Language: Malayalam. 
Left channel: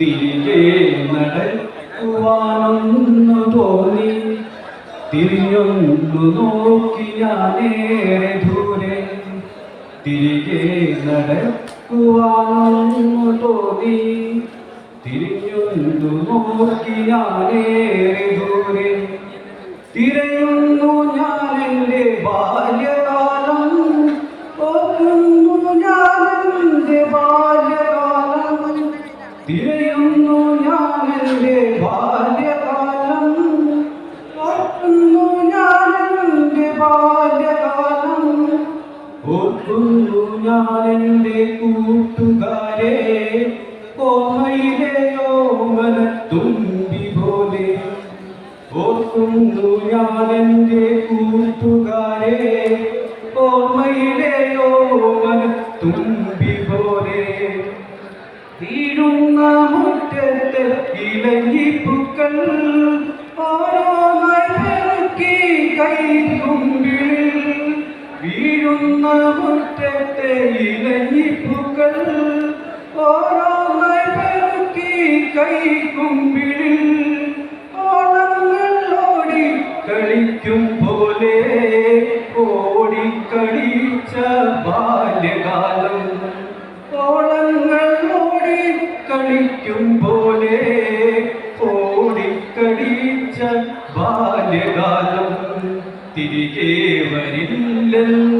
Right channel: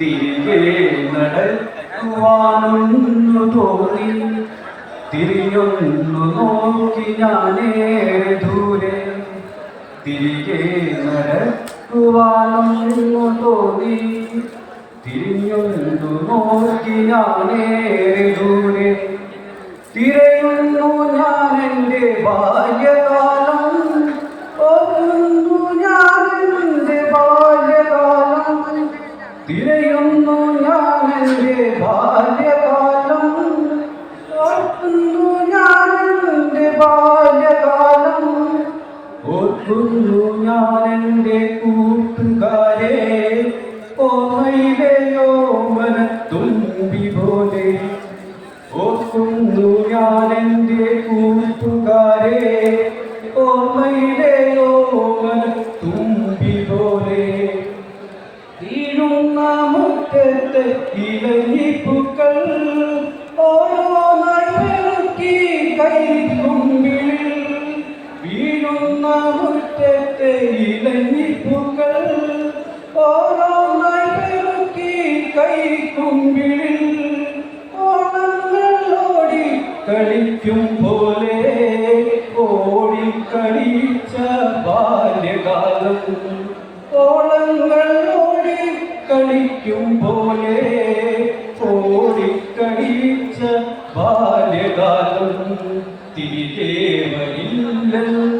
തിരികെ നടക്കുവാനൊന്നു തോന്നി തിരിഞ്ഞൊന്നു നോക്കി ഞാനേറെ ദൂരെ തിരികെ നടക്കുവാനൊന്നു തോന്നി തിരിഞ്ഞൊന്നു നോക്കി ഞാനേറെ ദൂരെ തിരയുന്നു ഞാൻ എൻ്റെ ബാല്യകാലം ഓർക്കുന്നു ഞാൻ എൻ്റെ ബാല്യകാലം തിരയുന്നു ഞാൻ എൻ്റെ ബാല്യകാലം ഓർക്കുന്നു ഞാൻ എൻ്റെ ബാല്യകാലം ഓർക്കുന്നു ഞാൻ എൻ്റെ കൂട്ടുകാരെ ഓർമ്മയിലെ ഓമന തുമ്പി പോലെ ഓർക്കുന്നു ഞാൻ എൻ്റെ കൂട്ടുകാരെ ഓർമ്മയിലെ ഓമന തുമ്പി പോലെ വീഴുന്ന മുറ്റത്ത് ഇലഞ്ഞിപ്പൂക്കൾ ഓരോന്നായി പെറുക്കി കൈക്കുമ്പിൽ വീഴുന്ന മുറ്റത്തെ ഇലഞ്ഞിപ്പൂക്കൾ ഓരോന്നായി പെറുക്കി കൈക്കുമ്പിൽ ഓണങ്ങൾ കളിക്കും പോലെ ഓടിക്കളിച്ച ബാല്യകാലം ഓണങ്ങൾ കളിക്കും പോലെ ഓടിക്കളിച്ച ബാല്യകാലം തിരികെ വരില്ലെന്ന്